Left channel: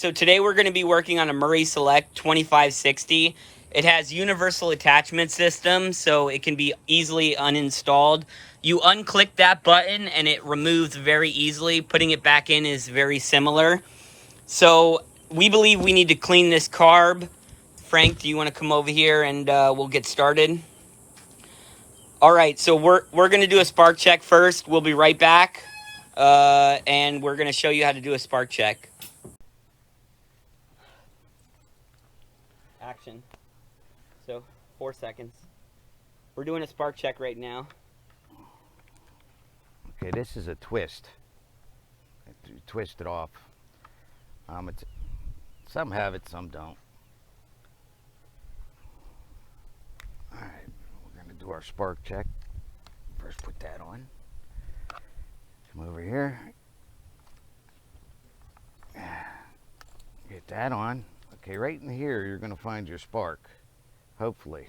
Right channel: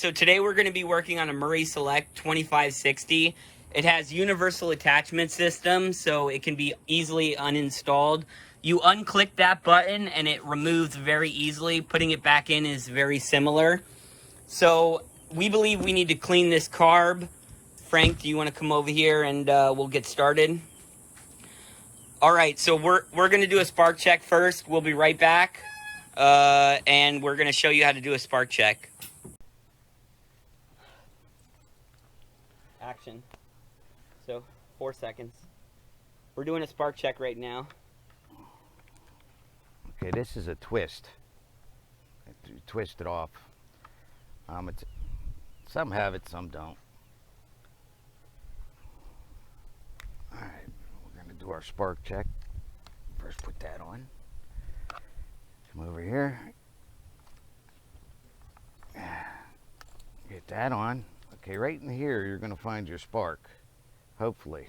so today we're going to be working on a Murray Select 2560. It has universal attachment system, so it can be easily uninstalled. You unclick that button and it removes very easily. Putting it back in is very similar. So we believe we need to clean this carb. Frank, do you want to come over here and we'll get started? All right, so we're going to do a spark check first. We'll be right back, and we're going to show you how to do a spark check. Action. So 4 seconds. We're doing a spark check right now. Okay, this is a twist. You twist it off. Some have it, some don't. All right, we're going to do our spark check. First, put that on. Come over here. Get that on. Okay, right in here, you're going to find your spark. Hopefully.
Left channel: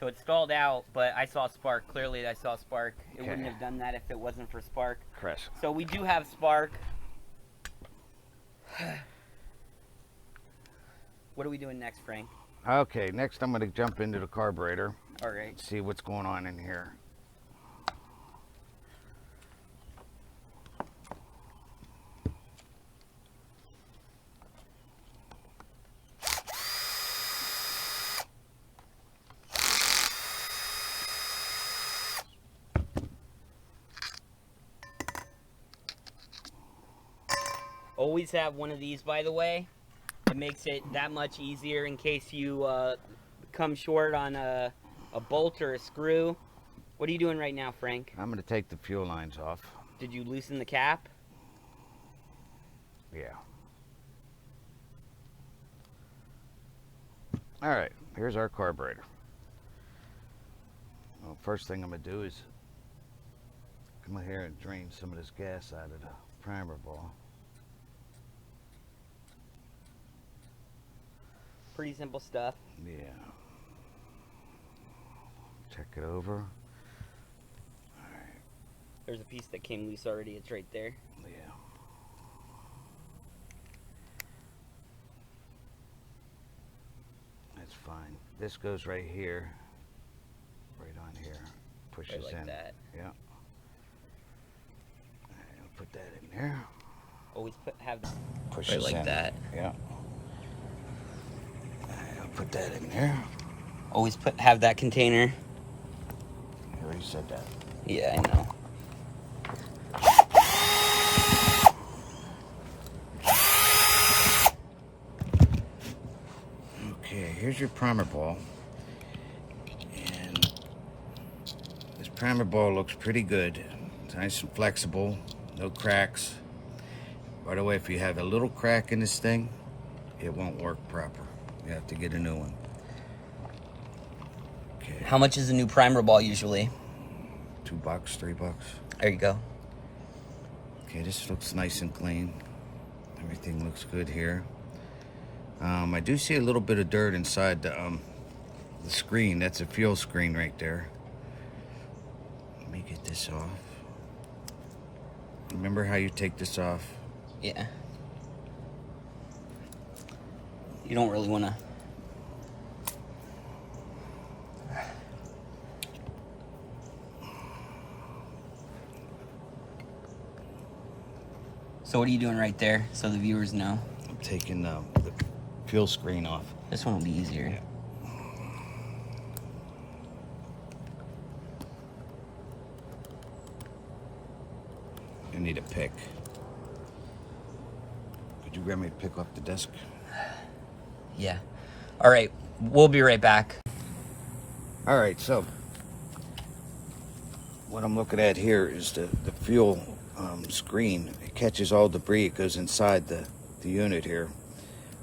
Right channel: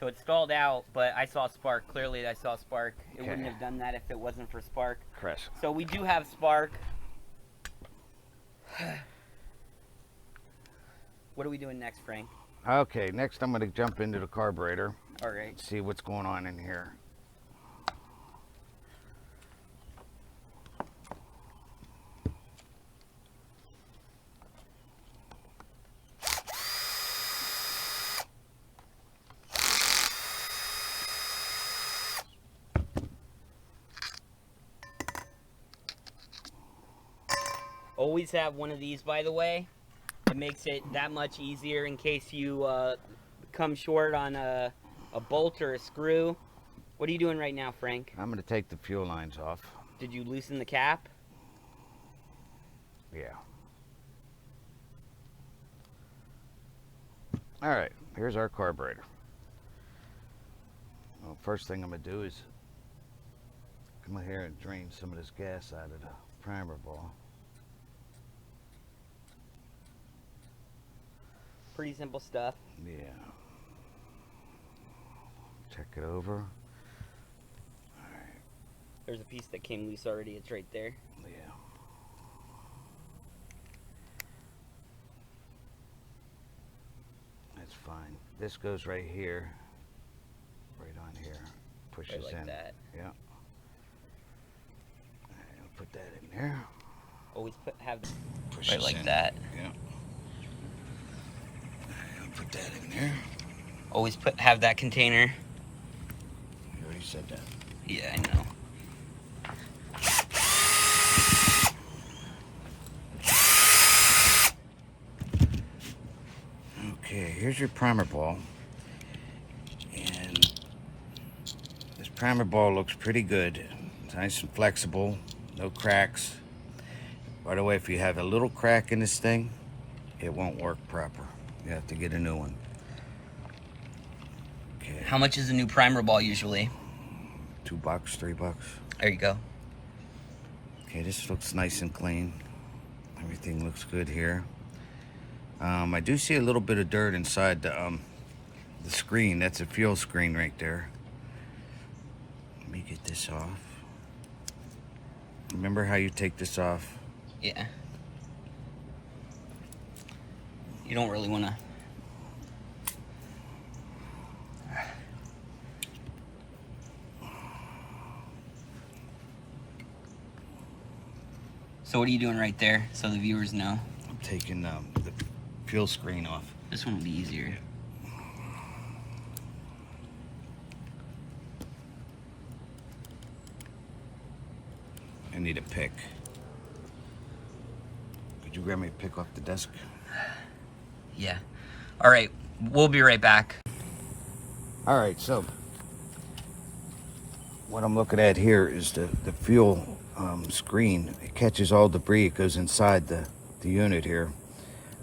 So it stalled out, but I saw spark. Clearly, I saw spark. It Okay. wouldn't have done that if it wasn't for spark. Chris. So we do have spark. What are we doing next, Frank? Okay, next I'm going to jump into the carburetor. All right. See what's going on in here. Always have one of these, by the way. It makes it that much easier in case you come short on a bolt or a screw. What are you doing right now, Frank? I'm going to take the fuel lines off. Did you loosen the cap? Yeah. All right, here's our carburetor. Well, first thing I'm going to do is come in here and drain some of this gas out of the primer ball. Pretty simple stuff. Yeah. Check it over. There's a piece that came loose already. It's right there. Yeah. That's fine. This goes right here. Right on here. Pushes Right like in. that. Yeah. All right, I'll put that in there. Always have Pushes right like in. that. Yeah. I'll put that in there. Always have that container. You already said that. Yeah, I know. Okay, here's your primer ball. And this primer ball looks pretty good. It's nice and flexible, no cracks. By the way, if you have a little crack in this thing, it won't work proper. You have to get a new one. Okay. How much is a new primer ball usually? $2, $3. There you go. Okay, this looks nice and clean. Everything looks good here. I do see a little bit of dirt inside the screen. That's a fuel screen right there. Let me get this off. Remember how you take this off? Yeah. You don't really want to. So what are you doing right there so the viewers know? I'm taking the fuel screen off. This one will be easier. I need a pick. Could you grab me a pick off the desk? Yeah. All right. We'll be right back. All right, so what I'm looking at here is the fuel screen. It catches all debris. It goes inside the unit here.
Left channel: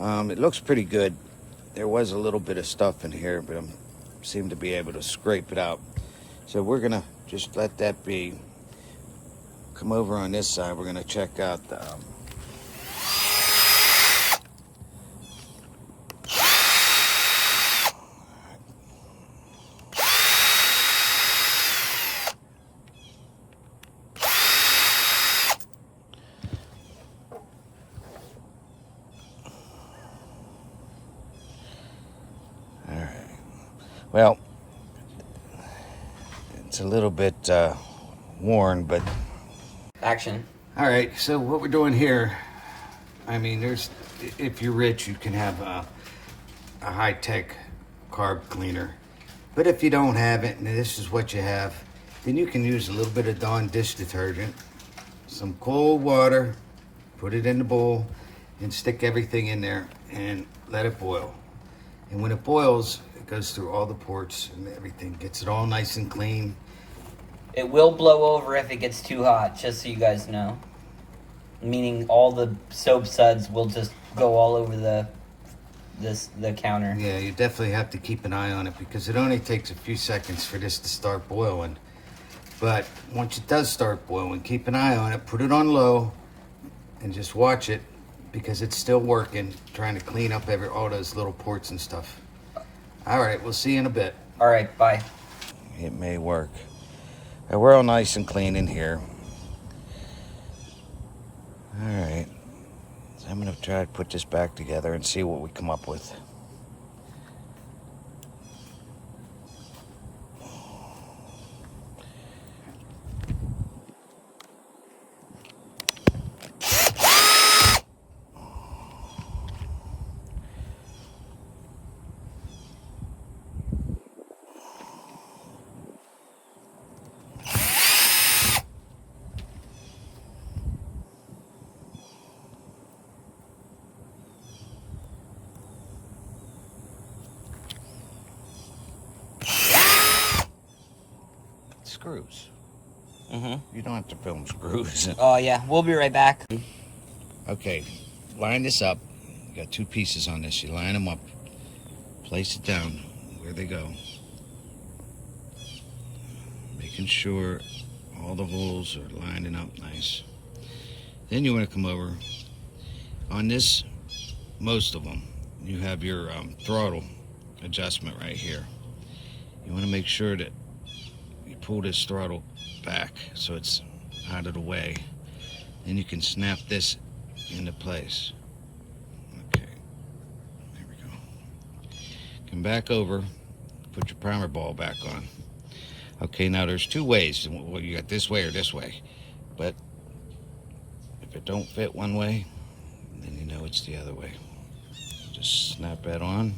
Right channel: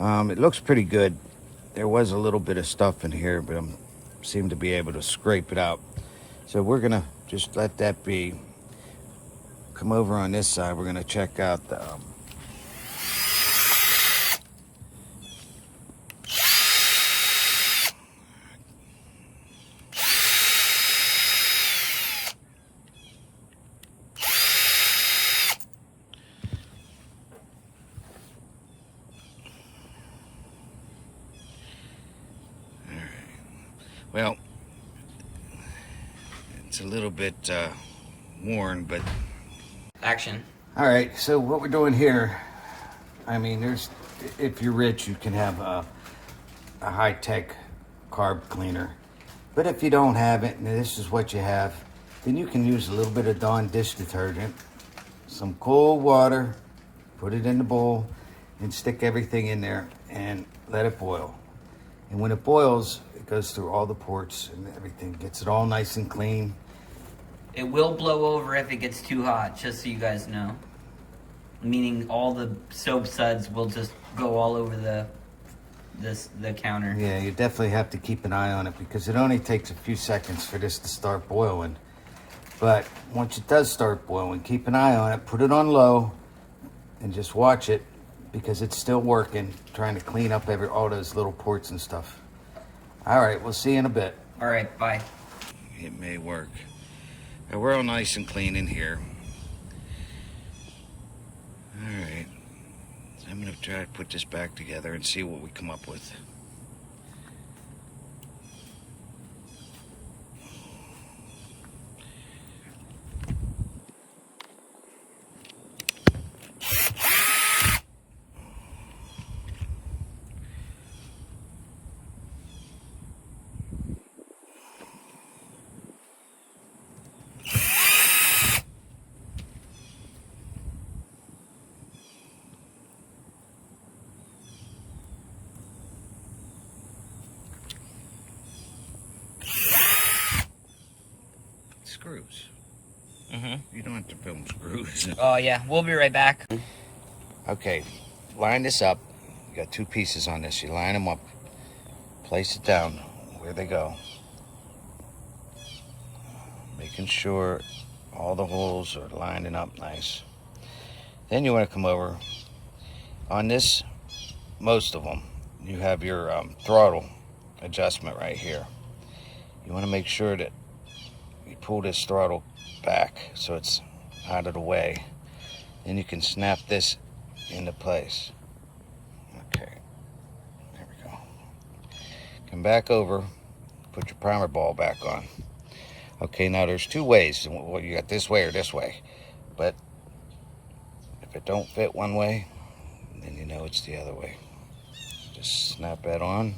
It looks pretty good. There was a little bit of stuff in here, but I seem to be able to scrape it out. So we're gonna just let that be. Come over on this side. We're gonna check out the Well, it's a little bit worn, but... Action. All right, so what we're doing here, I mean, if you're rich, you can have a high-tech carb cleaner. But if you don't have it, and this is what you have, then you can use a little bit of Dawn dish detergent, some cold water, put it in the bowl, and stick everything in there and let it boil. And when it boils, it goes through all the ports and everything, gets it all nice and clean. It will blow over if it gets too hot, just so you guys know. Meaning all the soap suds will just go all over the counter. Yeah, you definitely have to keep an eye on it because it only takes a few seconds for this to start boiling. But once it does start boiling, keep an eye on it, put it on low, and just watch it because it's still working, trying to clean up all those little ports and stuff. All right, we'll see you in a bit. All right, bye. It may work. We're all nice and clean in here. All right, so I'm gonna try to put this back together and see what we come up with. Screws. You don't have to film screws. Oh, yeah. We'll be right back. Okay, line this up. You got two pieces on this. You line them up. Place it down where they go. Making sure all the holes are lining up nice. Then you want to come over. On this, most of them, you have your throttle adjustment right here. You want to make sure that you pull this throttle back so it's out of the way. Then you can snap this into place. Okay, there we go. Come back over, put your primer ball back on. Okay, now there's two ways. Well, you got this way or this way. But if it don't fit one way, then you know it's the other way. Just snap that on.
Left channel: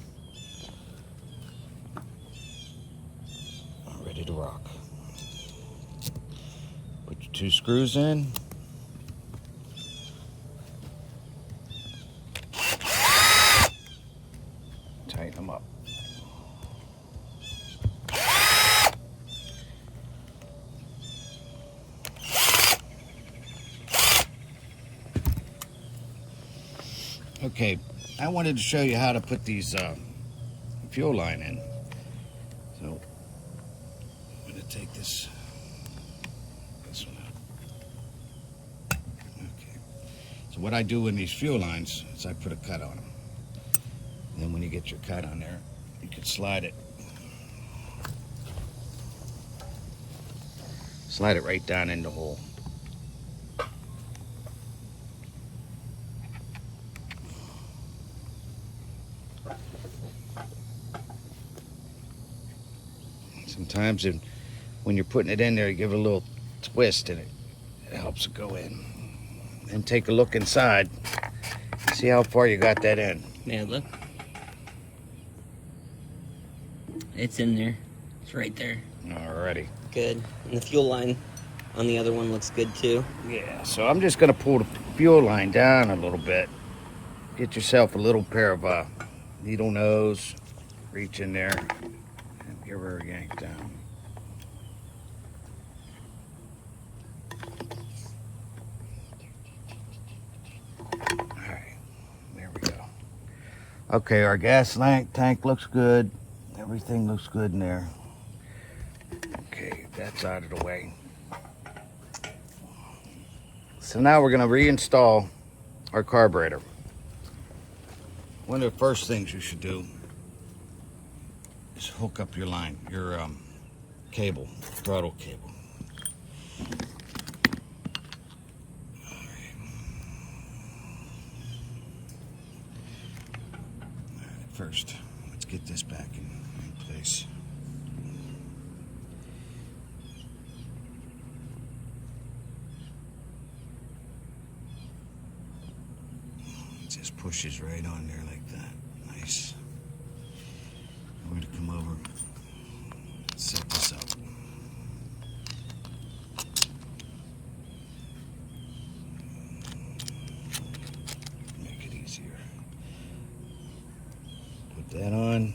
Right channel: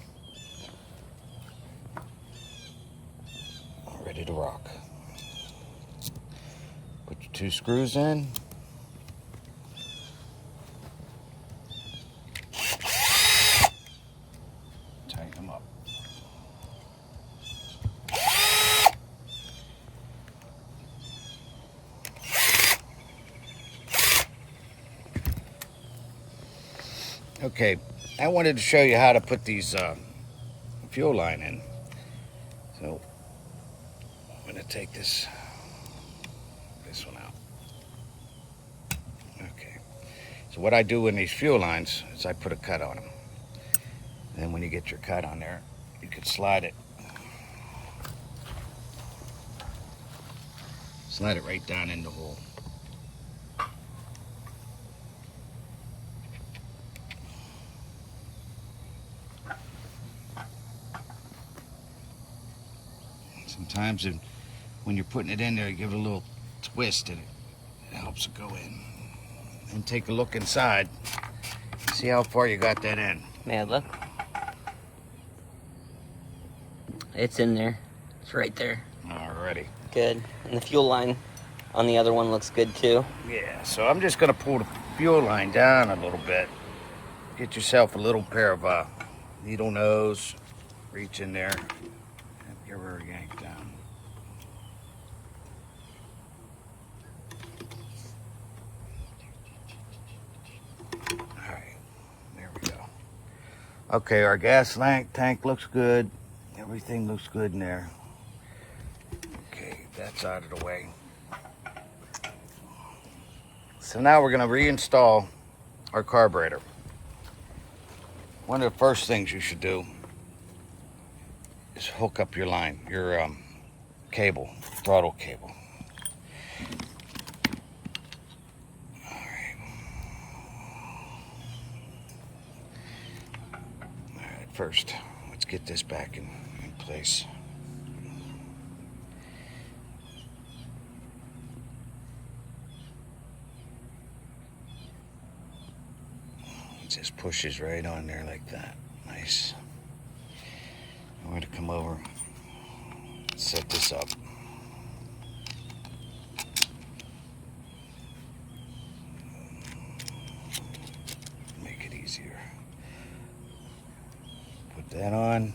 Ready to rock. Put your two screws in. Tighten them up. Okay, I wanted to show you how to put these fuel line in. So I'm going to take this one out. Okay. So what I do in these fuel lines is I put a cut on them. And then when you get your cut on there, you can slide it right down in the hole. Sometimes when you're putting it in there, you give it a little twist and it helps it go in. And take a look inside. See how far you got that in. Yeah, look. It's in there. It's right there. Alrighty. Good. And the fuel line on the other one looks good too. Yeah, so I'm just gonna pull the fuel line down a little bit. Get yourself a little pair of needle nose. Reach in there and give her a yank down. Alright, there we go. Okay, our gas tank looks good. Everything looks good in there. Okay, that's out of the way. So now we're going to reinstall our carburetor. One of the first things you should do is hook up your line, your cable, throttle cable. All right. All right, first, let's get this back in place. just pushes right on there like that. Nice. I'm going to come over, set this up. Make it easier. Put that on.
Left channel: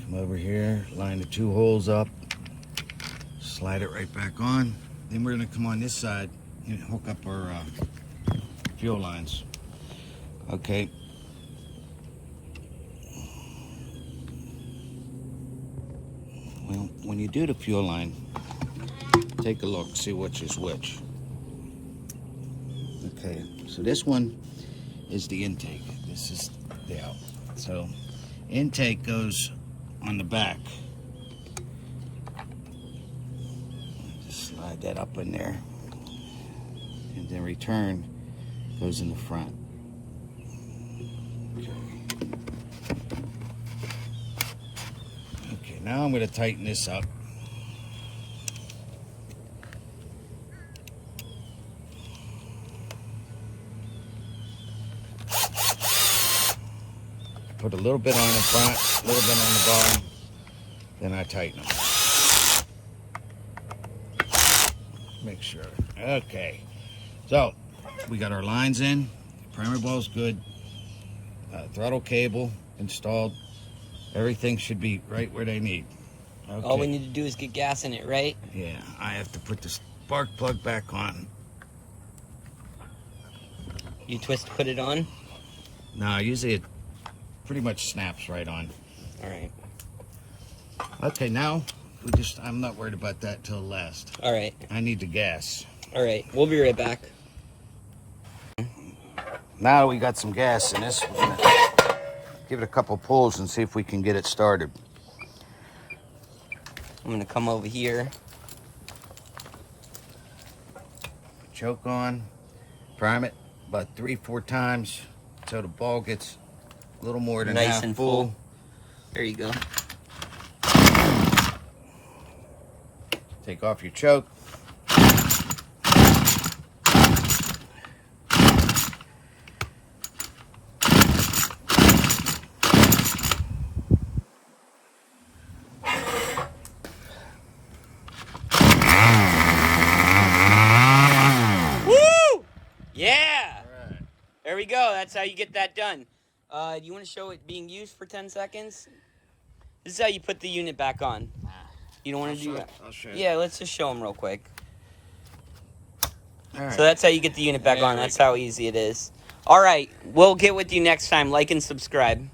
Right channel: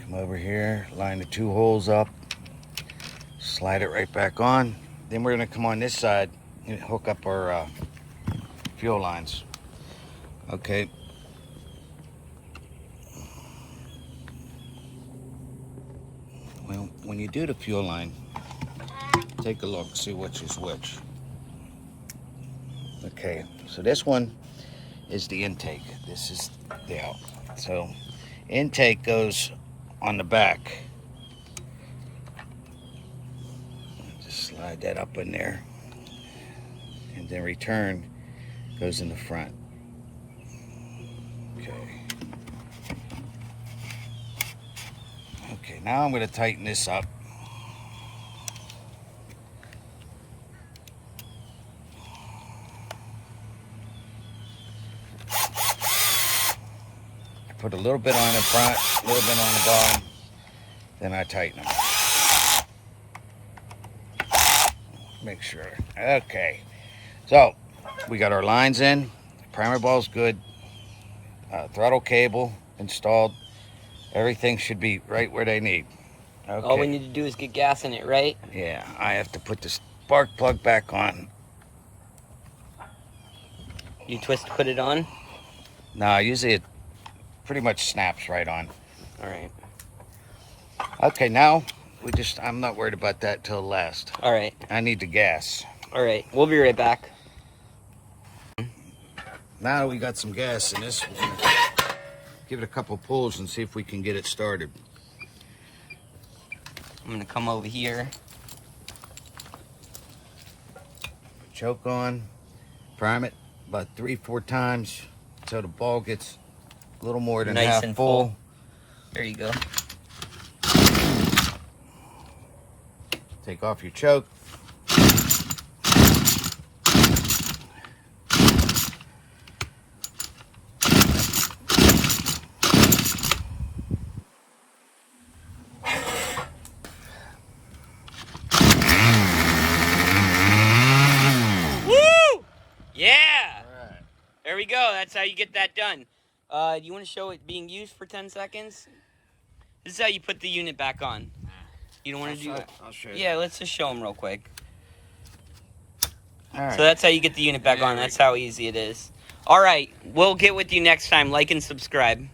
Come over here, line the 2 holes up, slide it right back on. Then we're going to come on this side and hook up our fuel lines. Okay. Well, when you do the fuel line, take a look, see which is which. Okay, so this one is the intake. This is the out. So intake goes on the back. Just slide that up in there. And then return goes in the front. Okay. Okay, now I'm going to tighten this up. I put a little bit on the front, a little bit on the bottom, then I tighten them. Make sure. Okay. So, we got our lines in, primer ball's good, throttle cable installed, everything should be right where they need. Okay. All we need to do is get gas in it, right? Yeah, I have to put the spark plug back on. You twist to put it on? No, usually it pretty much snaps right on. All right. Okay, now I'm not worried about that till last. All right. I need the gas. All right, we'll be right back. Now that we got some gas in this, we're gonna give it a couple pulls and see if we can get it started. I'm gonna come over here. Choke on, prime it about 3-4 times so the ball gets a little more than Nice half and full. full. There you go. Take off your choke. Woo! Yeah! All right. There we go. That's how you get that done. Do you want to show it being used for 10 seconds? This is how you put the unit back on. You don't want to do that? I'll show you. Yeah, let's just show them real quick. All right. So that's how you get the unit back on. That's how easy it is. All right, we'll get with you next time. Like and subscribe.